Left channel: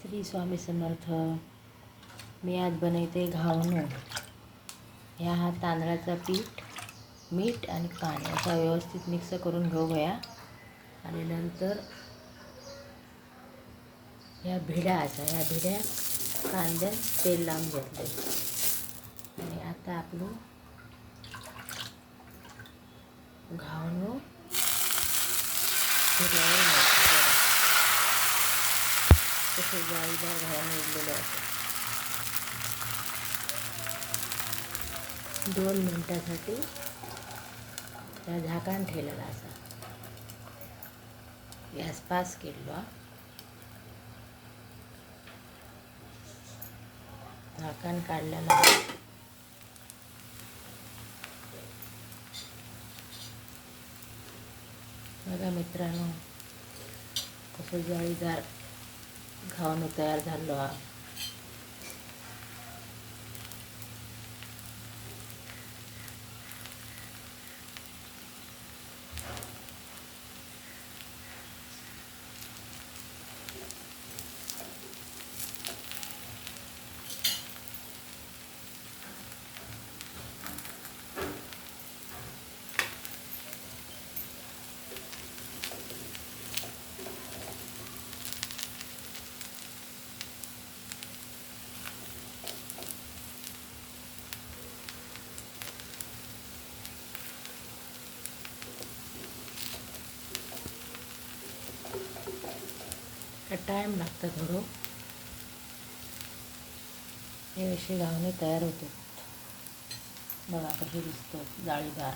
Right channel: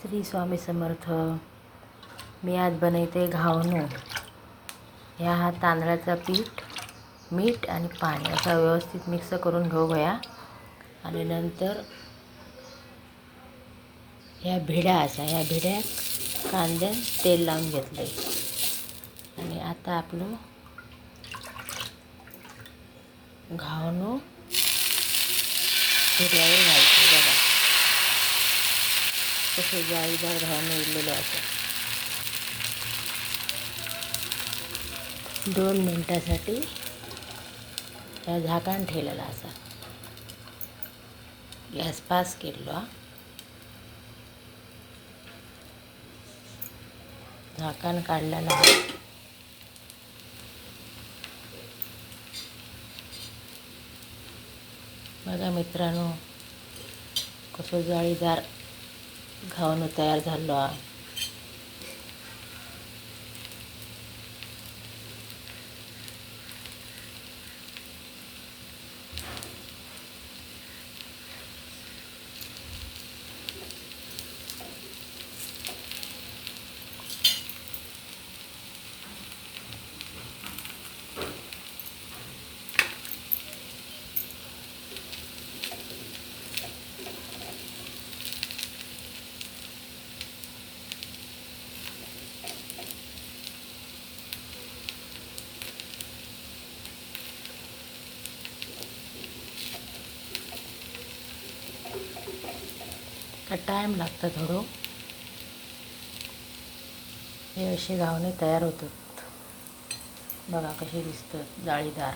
श्री स्वामी समर्थ. मी आज बनवते घावणं. हा तांदळाचा पीठ, मीठ आणि पाणी असा व्यवस्थित मिक्स करून घेऊया. आणि नंतर ह्या भिड्यात कांद्यात तेल लावून घेतले. आणि आता आपलं घावणं भिड्यावर घालतो. बघा तसे जाळीदार घावणं उरलेले असतात. 2 मिनिटासाठी त्या झाकण ठेवलेला असा. गॅस पास केला. झाकण काढलेला. बघा मित्रांनो, कसं जाळीदार घावणं तयार झालं. टाईम लागतं थोडं. हे असे घावणे तयार होतात. बघा कसे दिसतात, जाळीदार.